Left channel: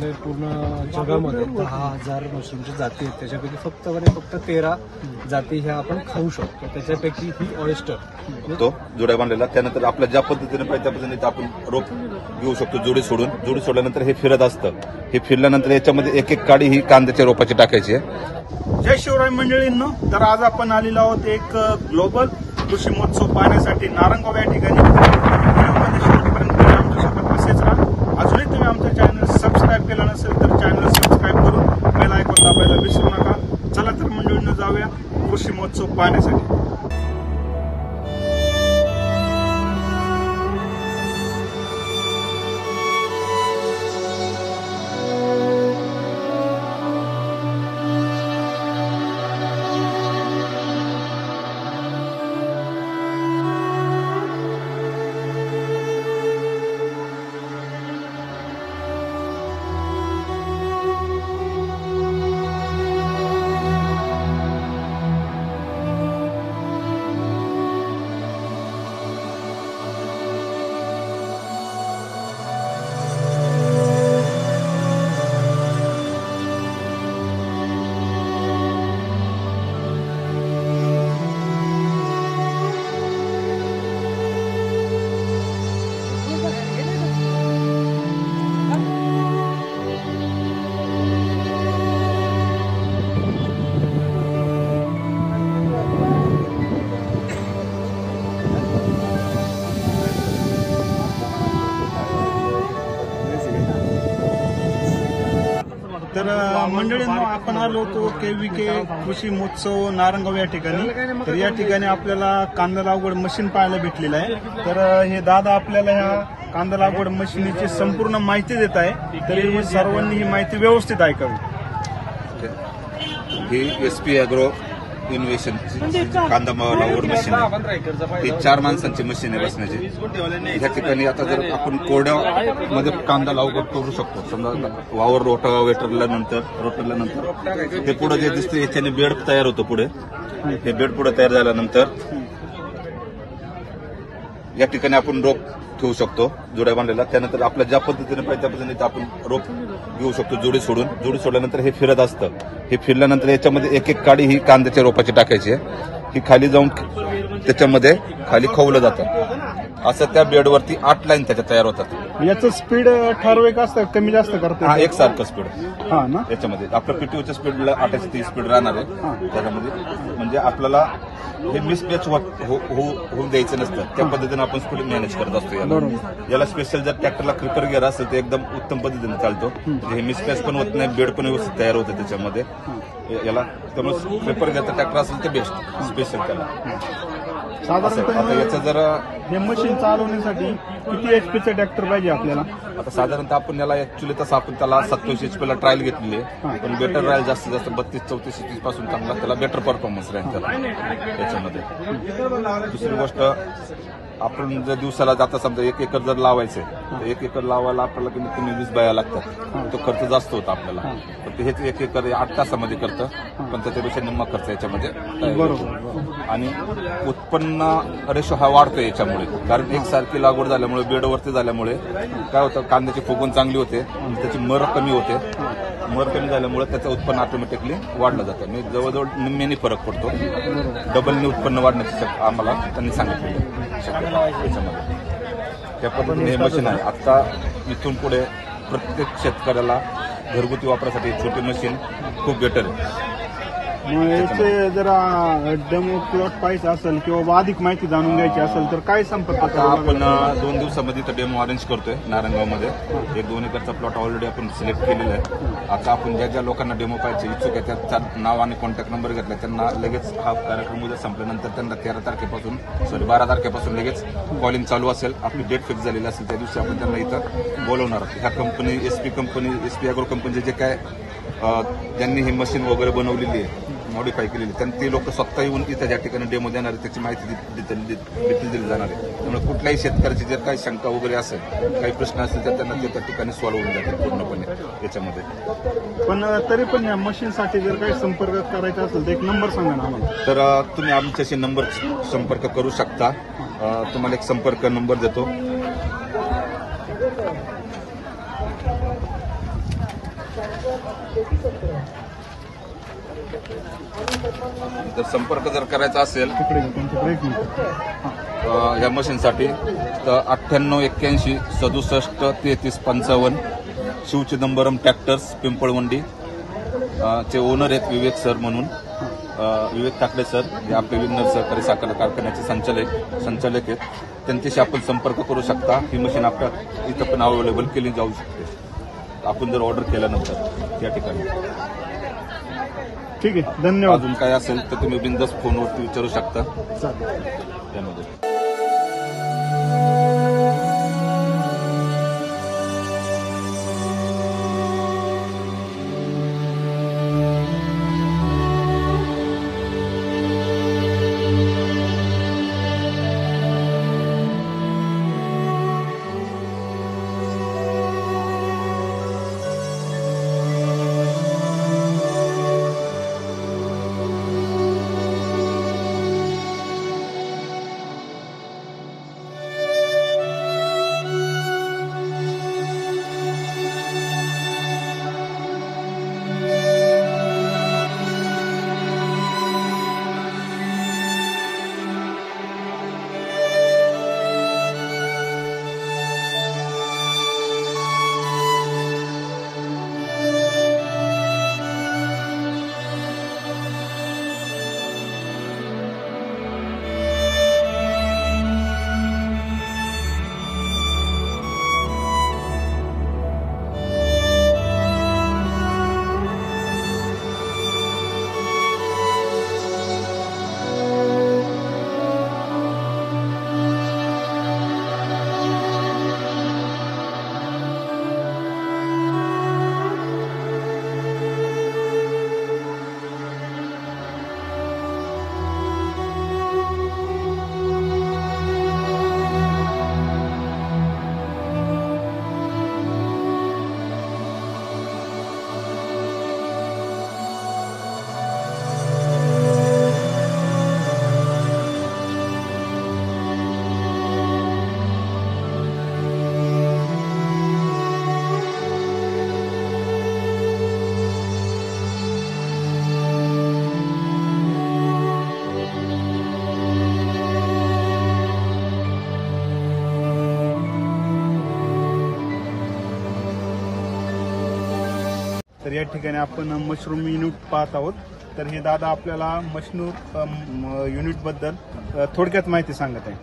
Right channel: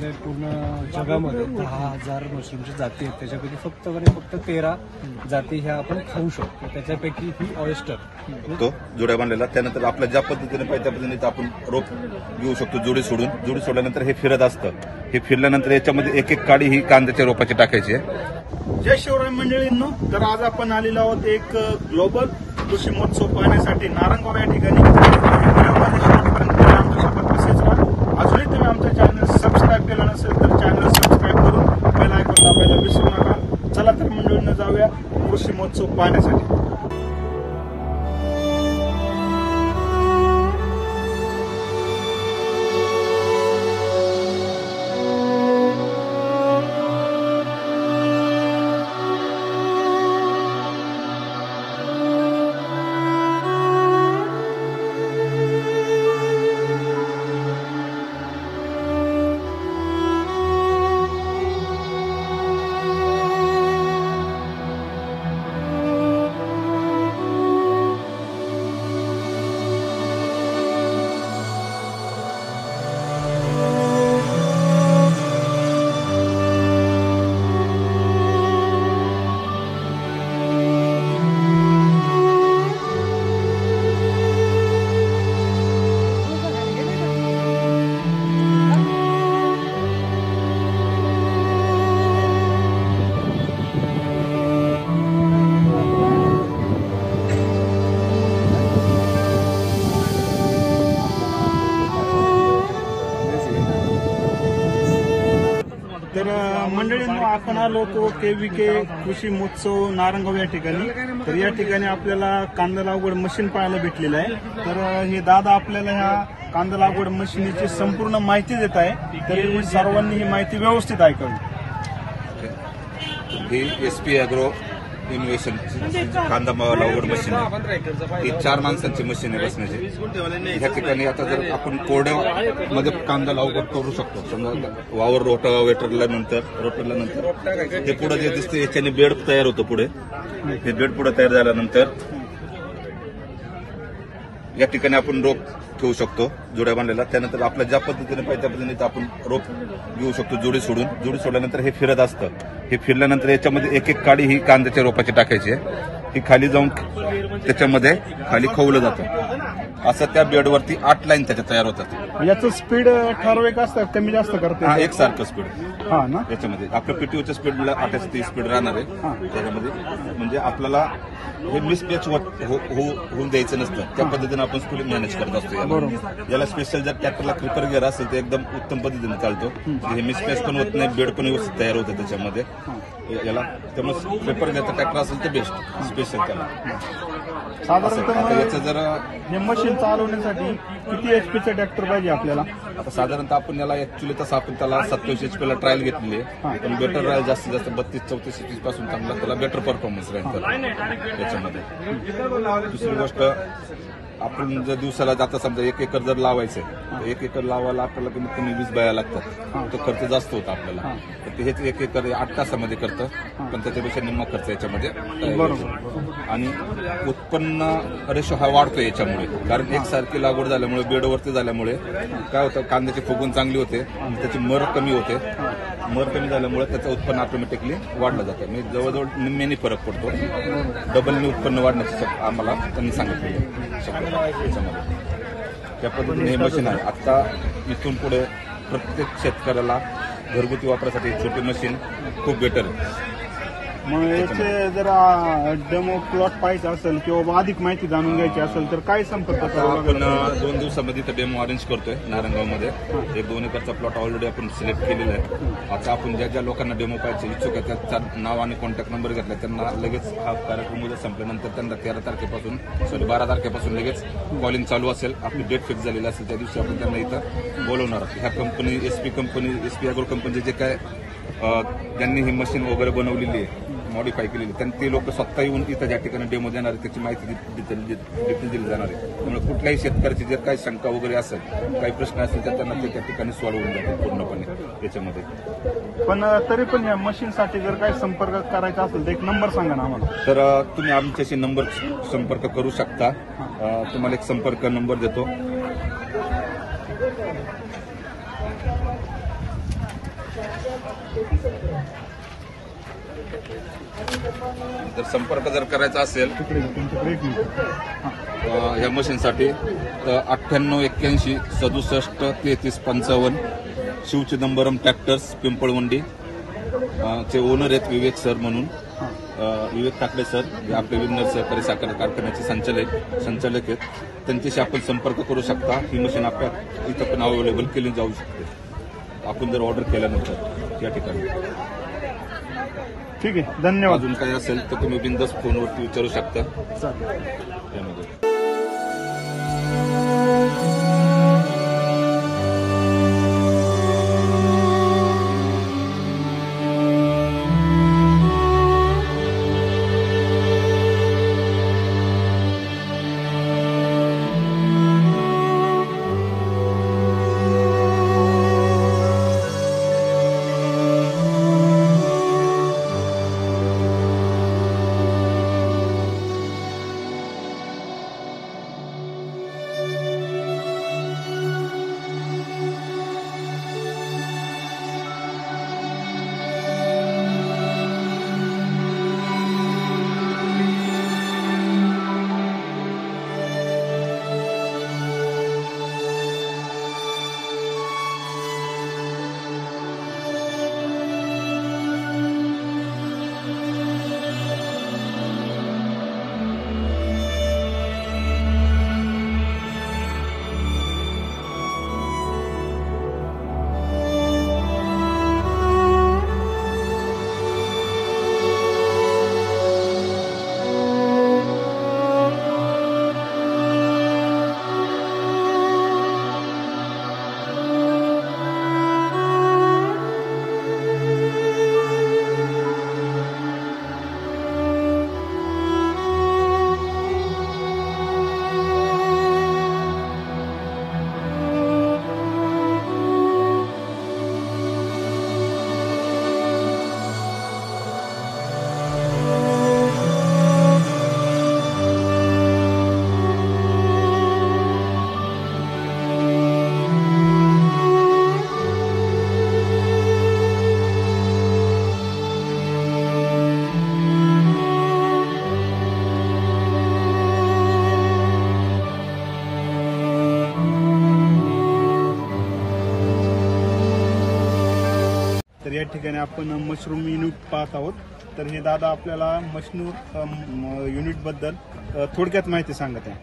आपल्याकडे पूर्ण जगामध्ये 10,000 मशरूमच्या जाती आहेत. त्याच्यापैकी फक्त 13 जाती ह्या आपण खाऊ शकतो. त्याच्यापैकी ही ऑयस्टर तो जोड्या बांधलेला. त्यानंतर आपल्या ज्या पद्धतीने पाहिजे त्या पद्धतीने आपण रोप घेऊ शकतो. जोडी सोडल्यानंतर हे फिरत असतं. हे फिरल्यानंतर याच्यामध्ये एक एक काडी ही कांद्याच्या रोपाची टाकायची आहे. जय शिवराय मंडळींनो, तर आज आपण आलेलो आहोत एक ग्लोबल कृषी महोत्सव पाहण्यासाठी नारंगाव या ठिकाणी. आमच्यासोबत तसेच अजूनही तुम्ही आमचं चॅनल सबस्क्राईब केलं नसेल तर चॅनल सबस्क्राईब करून बेल आयकॉन दाबायला विसरू नका. चला तर मंडळींनो जाऊया कृषी महोत्सव पाहण्यासाठी. तर मंडळींनो, आपण आलो होतो KVK कृषी महोत्सव नारंगाव या ठिकाणी. तर या ठिकाणी आपल्याला कांदा लागवड मशीन पाहायला भेटलेलं आहे. तर हे दादा आपल्याला ह्या कांदा लागवड मशीनीची संपूर्ण माहिती देत आहे. तरी सर्वांनी ही माहिती व्यवस्थित ऐकावी. ही SP ॲग्रो इनोव्हेशनची कांदा लागवड मशीन आहे. ही 4 माणसांची मशीन आहे बसण्याची. ह्या ठिकाणी आता जर आपण कोरड्यामध्ये कांदा लागवड करू शकतो. समजा वावर रोटरल्यानंतर हे पुढे जे दिसते याच्याने बेड तयार होतो. पुढे हे बेड पुढे तयार झाल्यानंतर या ठिकाणी आपण रोप घेऊ शकतो जोड्या बांधलेला. त्यानंतर आपल्या ज्या पद्धतीने पाहिजे त्या पद्धतीने आपण रोप घेऊ शकतो. जोडी सोडल्यानंतर हे फिरत असतं. हे फिरल्यानंतर याच्यामध्ये एक एक काडी ही कांद्याच्या रोपाची टाकायची आहे. ही खाली जाऊन त्याच्यामध्ये खाली खवलं जातं. असं त्या बेडवरती 8 लाईन त्याच्या तयार होतात. याचं स्पीड ठराविक असतं, कमी जास्त करते. हा, एकसारखं स्पीड हा ना. याच्यामध्ये आपलं PTOच्या स्पीडला 28 स्पीड राहणार आहे त्याच्यामध्ये. म्हणजे आपल्याला हे मिसमॅच होऊन द्यायचं नसतं. त्या पद्धतीने आपण स्पीड मॅनेज करत असतो. याला स्पेशल जर ट्रॅक्टरला क्रिपर गिअर असेल तर एकदम उत्तम पद्धतीने चालतो. हे मिसमॅच पण होत नाही, बेड पण व्यवस्थित तयार होतं त्याच्यामध्ये. याला त्यामुळे क्रिपर गिअरचा ट्रॅक्टर असेल ते बेस्ट स्पेशल त्याला. साधारणतः याचं जरा हे मशीन चालवण्यासाठी किती HPचं ट्रॅक्टर पाहिजे आपल्याला? आता साधारणतः आपण याला ऍक्च्युली तसं आपण त्याला 27 HP ला ट्रायल घेतलेली आहे. पण बेटर राहील जास्तीत जास्त 32-34 पासून चांगला त्याला बेटर परफॉर्मन्स राहील त्याच्यामध्ये. दुसरी गोष्ट, आपण जर दिवसाला जाता समजा 1 एकर जर लावायचंय तर 1 एकर लावायला आपल्याला कमीत कमी 20 बाया लागतात. तो खर्च जास्त होता आपल्याला. तर हेच 1 एकर 8 तासामध्ये करतं. पण त्याच्यापेक्षा निम्मा खर्च याच्यामध्ये. आणि उत्पन्न रेशो हा वाढतो याच्यामुळे. कारण एकसारखी लागवड झाल्यामुळे बेडवरती झाल्यामुळे काय होतं, कांद्याची फुगवण चांगली होते. त्याची मर कमी होते. मर कमी झाल्यामुळे त्याचं उत्पन्न ऑटोमॅटिकली वाढलं जातं. म्हणजे जवळजवळ निम्म्याने फरक पडतो. डबलने उत्पन्न वाढण्याची आम्हाला त्यांनी सांगितलेलं शक्यता त्याच्यामध्ये. त्या पद्धतीने हे मशीन आहे. आता इथून पुढे प्रत्येक शेतकऱ्याला घरगुती वापरासाठी छोटी मशीन खूप बेटर आहे. मग याचे जरा डेमो प्लॉट पाहिजे असेल किंवा अधिक माहिती जाणून घ्यायची असेल तर काय संपर्क करावा? आपण 2 दिवसामध्ये तर डेमो अरेंज करतोय नारंगावमध्ये. 1-2 एकरचा प्लॉट ऑलरेडी आपण सिलेक्ट केलेला आहे. आता आपण ज्या लोकांना डेमो पाहिजे इच्छुक आहे त्याचं नाव आणि कॉन्टॅक्ट नंबर घेतला त्यांना लगेच हा कार्यक्रम उद्या संपल्यानंतर त्यांना 12 तारखेपासून लगेच कॉलिंग चालू असेल. आपली डेट फिक्स झालेली असेल त्या दिवशी आपण त्यांना इथं बोलवणार. ह्या कंपनी SP ॲग्रो कंपनीचे जे काय ज्यांनी ही मशीन वगैरे बनवलेली आहे, मॉडिफाय केलेली, त्यांनी ते लोक स्वतः येऊन इथं ज्या ठिकाणी डेमो देणार आहे त्याची माहिती देखील दिली जाणार आहे. त्यामुळे कुठल्याही शेतकऱ्याची जर काही शंका वगैरे असेल, काही प्रश्न असेल तर त्यांना ते त्या ठिकाणी सॉल्व्ह होऊन जातील पूर्णपणे याच्यामध्ये. पण तरी पण या मशीनसाठी जर काही संपर्क करायचा असेल तर एक नंबर सांगा ना आम्हाला. तर तुम्ही आमच्याशी नंबर संपर्क करू शकता. तुम्हाला एक संपर्क नंबर देतो. जर संपर्क जर करायचा असेल तिकडे त्यांच्याकडे एक मिनिट. या मशीनसाठी तर 9881673355 शिवचिदंबरम ट्रॅक्टर्स पिंपळवंडी चे ओनर आहेत विवेक सर म्हणून. विवेक ठाकरे सर जे आपले विन्नर सहकारी साखर कारखान्याचे संचालक आहेत. त्यांच्याशी आपण संपर्क करू शकता. ही मशीन आपल्या इथं पण अवेलेबल केली जाऊ शकते आपण जर ऑर्डर केल्यानंतर या ठिकाणी. ठीक आहे, धन्यवाद. अजून काय असेल तर तुम्ही बिनधास्त फोनवरती विचारू शकता चालेल. त्यामध्ये. तर या ठिकाणी आपण मशरूम युनिट पाहत आहोत. तर हे दादा आपल्याला मशरूम युनिट बद्दल थोडक्यात माहिती सांगत आहे.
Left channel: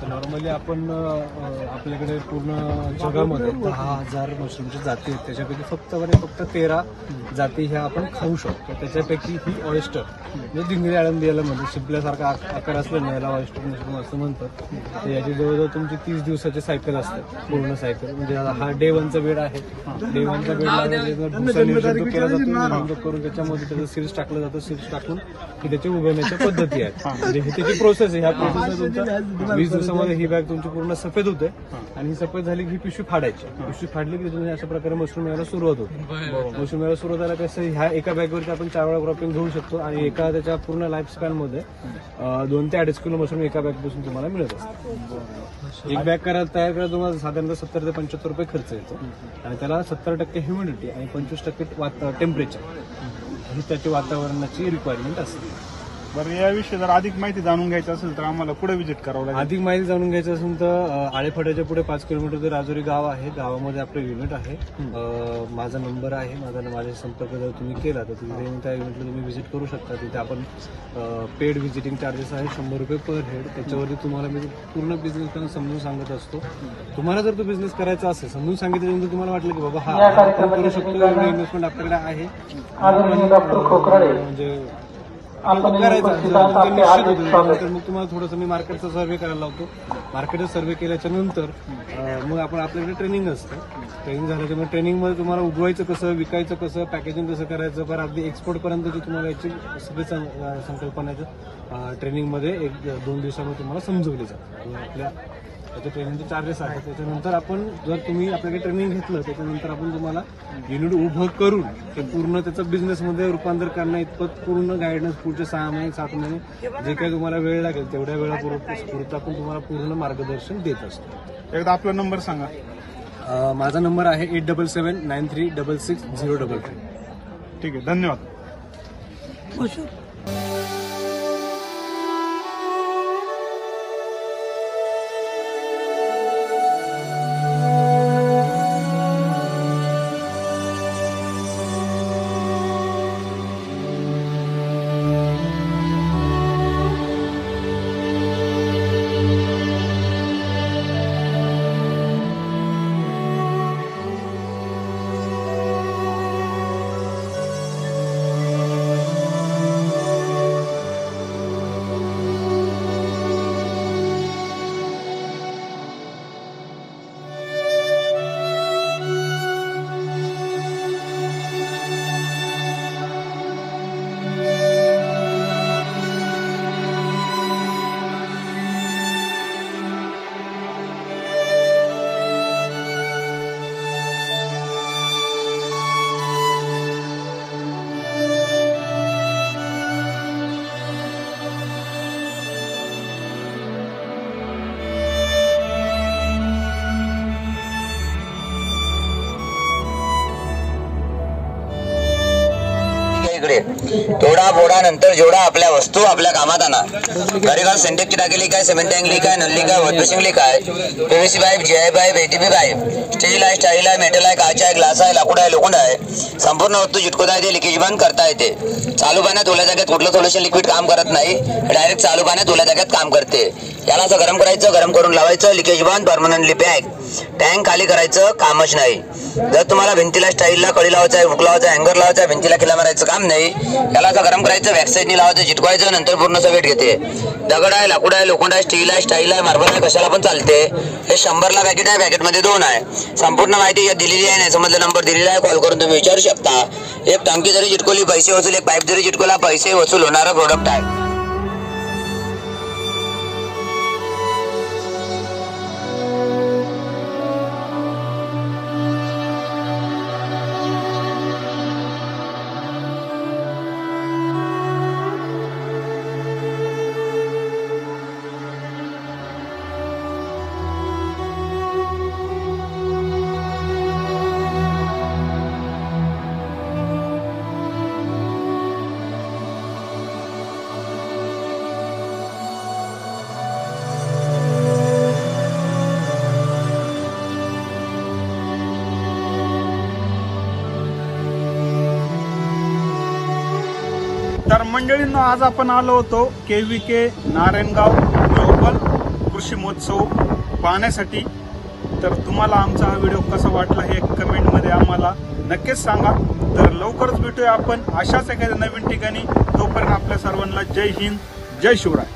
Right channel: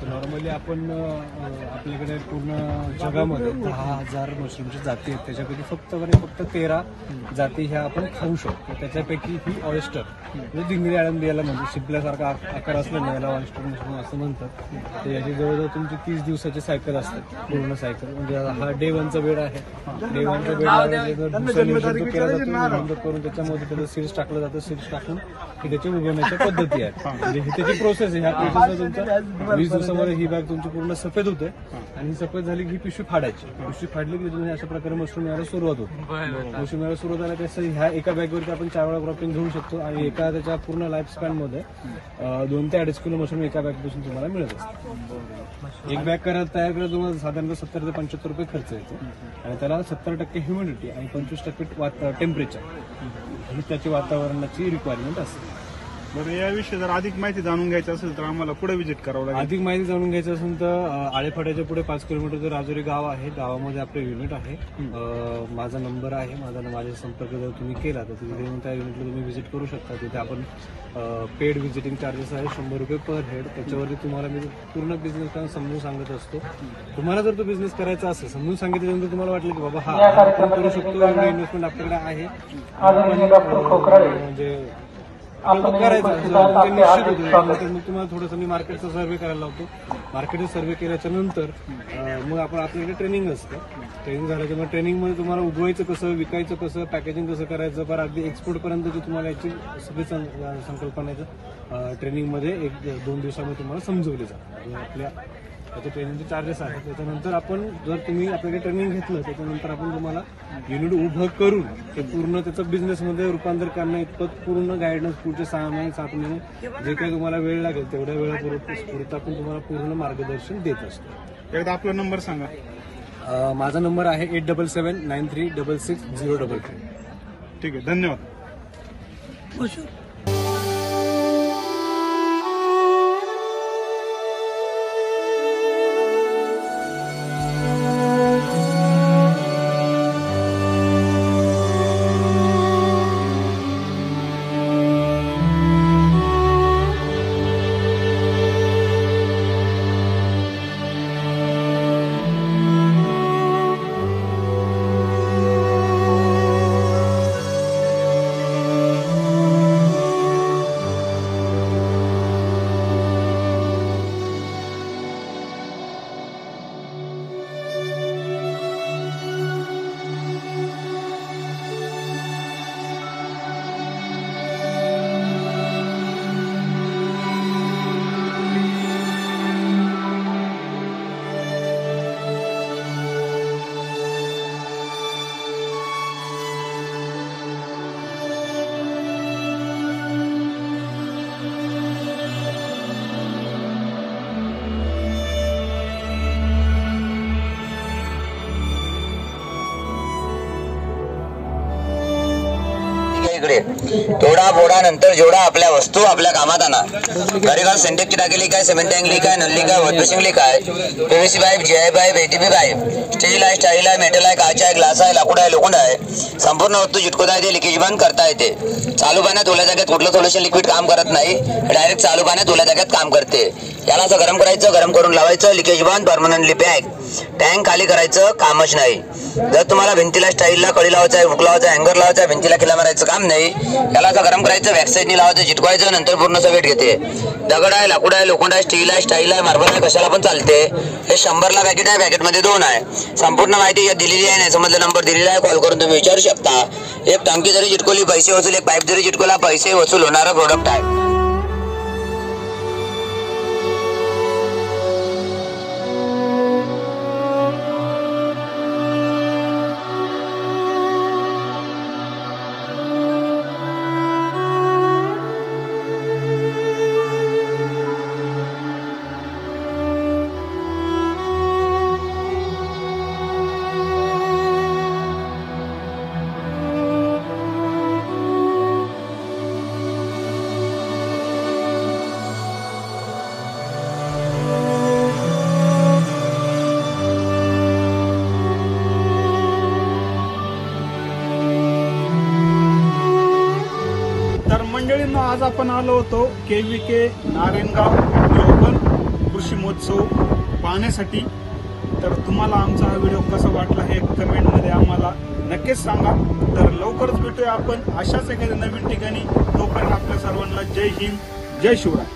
तर नॉर्मली आपण आपल्याकडे पूर्ण जगामध्ये 10,000 मशरूमच्या जाती आहेत. त्याच्यापैकी फक्त 13 जाती ह्या आपण खाऊ शकतो. त्याच्यापैकी ही ऑयस्टर म्हणजे दिंगडी आळंदी याला म्हणतो. शिंपल्यासारखा आकार असल्याने याला ऑयस्टर मशरूम असं म्हणतात. तर याची जवळजवळ तुमची 30 दिवसाची सायकल असते, पूर्ण सायकल. म्हणजे हा डे 1चा बेड आहे. डे 1चा बेड दुसरा निर्जंतुक केला जातो. निर्जंतुक करून त्याच्यामध्ये त्याचं सीड्स टाकलं जातं. सीड्स टाकून की त्याच्या उगवण्याच्या पद्धती आहेत. म्हणजे ही त्याची प्रोसेस आहे. ह्या प्रोसेसला तुमचा 20 दिवसामध्ये ही बॅग तुमची पूर्ण सफेद होते. आणि ही सफेद झाली की ही पिशवी फाडायची. पिशवी फाडली की तुम्ही अशा प्रकारे मशरूम यायला सुरुवात होते. मशरूम यायला सुरुवात झाला तसं ह्या एका बॅगवरती आपण 4 वेळा क्रॉपिंग घेऊ शकतो. आणि एका त्याच्या पूर्ण लाईफ स्पॅन मध्ये 2 ते 2.5 किलो मशरूम एका बॅगपासून तुम्हाला मिळत असतो. एक बॅग तयार करायला तुम्हाला साधारणतः 70 ते 75 रुपये खर्च येतो. आणि त्याला 70% ह्युमिडिटी आणि 25% टेम्परेचर ही त्याची वातावरणाची रिक्वायरमेंट असते. बरं, याविषयी जर अधिक माहिती जाणून घ्यायची असेल तर आम्हाला पुढे व्हिजिट करावं लागेल. अधिक माहिती जाणून घ्यायची असेल तर आळेफाट्याच्या पुढे 5 किलोमीटर ते राजुरी गाव आहे. गावामध्ये आपलं युनिट आहे. माझा नंबर आहे. माझ्याशी संपर्क जर तुम्ही केला तर तिथे त्या युनिटला तुम्ही व्हिजिट करू शकता. तिथे आपण पेड व्हिजिटिंग चार्जेस आहे 100 रुपये पर हेड. त्याच्यावरती तुम्हाला मी पूर्ण बिझनेस प्लॅन समजून सांगत असतो. तुम्हाला जर तो बिझनेस करायचा असेल समजून सांगितल्यानंतर तुम्हाला वाटलं की बाबा हा आपण करू शकतो, एवढं इन्व्हेस्टमेंट आपल्याकडे आहे म्हणजे करायचं निश्चित होतं. त्यानंतर मग तुम्हाला थोडंसं मी मार्केटचा सर्व्हे करायला लावतो. मार्केटचा सर्व्हे केल्याच्या नंतर मग आपण आपल्याकडे ट्रेनिंग असतं. ट्रेनिंग झाल्याच्या मग ट्रेनिंगमध्ये तुम्हाला उगवायचं कसं, विकायचं कसं, पॅकेजिंग कसं करायचं, पण अगदी एक्सपोर्ट पर्यंतची तुम्हाला याची सगळी संकल्पनाचं ट्रेनिंगमध्ये 1-2 दिवसामध्ये तुम्हाला समजवली जाते. आपल्या त्याचे ट्रेनिंगचे चार्जेस आहेत. त्याच्यानंतर आपण जर तुम्ही आपल्याकडे ट्रेनिंग घेतलं त्याच्यानंतर आपण तुम्हाला युनिट उभं करून ते पूर्ण त्याचं बिझनेसमध्ये रूपांतर करण्या इतपत पूर्ण गायडन्स पुढचे 6 महिने 7 महिने जे काही तुम्हाला वेळ लागेल तेवढ्या वेळापूर्वी आपण तुम्हाला पूर्ण मार्गदर्शन देत असतो. एकदा आपला नंबर सांगा. माझा नंबर आहे 8779366033. ठीक आहे, धन्यवाद. तोडा फोडा नंतर जोडा आपल्या वस्तू आपल्या कामात आणा. घरी घाल सिंटेक्सची टाकी काय, सिमेंट टँक काय, नल्ली काय, वॉशबेसिंग काय, PVC pipe, GI pipe, ATP pipe, steel आहे, स्टाईल आहे, मेटल आहे, काच आहे, ग्लास आहे, लाकूड आहे, लोखंड आहे, संपूर्ण वस्तू चिटकवता येते, लिकेज बंद करता येते. चालू पाण्यात ओल्या जागेत कुठलं सोल्युशन लिक्विड काम करत नाही, डायरेक्ट चालू पाण्यात ओल्या जागेत काम करते. याला असं गरम करायचं, गरम करून लावायचं, लिकेज बंद, परमनंटली पॅक. टँक खाली करायचं कामच नाही. जर तुम्हाला भिंतीला स्टाईलला कळी लावायचा आहे, हुक लावायचा आहे, हँगर लावायचा आहे, भिंतीला खिला मारायचं काम नाही. याला असं गरम करायचं, बॅकसाईडनी लावायचं, चिटकवायचं, नंतर पूर्ण सवेट घेते. दगड आहे, लाकूड आहे, लोखंड आहे, स्टील आहे, स्टाईल आहे, मार्बल आहे, कशाला पण चालते. हे 100ला पॅकेट आहे, पॅकेटमध्ये 2 आहे. संपूर्ण माहिती यात दिलेली आहे. नाही समजलं नंबर दिलेला आहे, कॉल करून तुम्ही विचारू शकता. एक टंकी जरी चिटकवली पैसे वसूल, एक पाईप जरी चिटकवला पैसे वसूल होणारा प्रोडक्ट आहे. तर मंडळींनो, आज आपण आलो होतो KVK नारायणगाव ग्लोबल कृषी महोत्सव पाहण्यासाठी. तर तुम्हाला आमचा हा व्हिडिओ कसा वाटला हे कमेंटमध्ये आम्हाला नक्कीच सांगा. तर लवकरच भेटूया आपण अशाच एखाद्या नवीन ठिकाणी. तोपर्यंत आपल्या सर्वांना जय हिंद, जय शिवराय.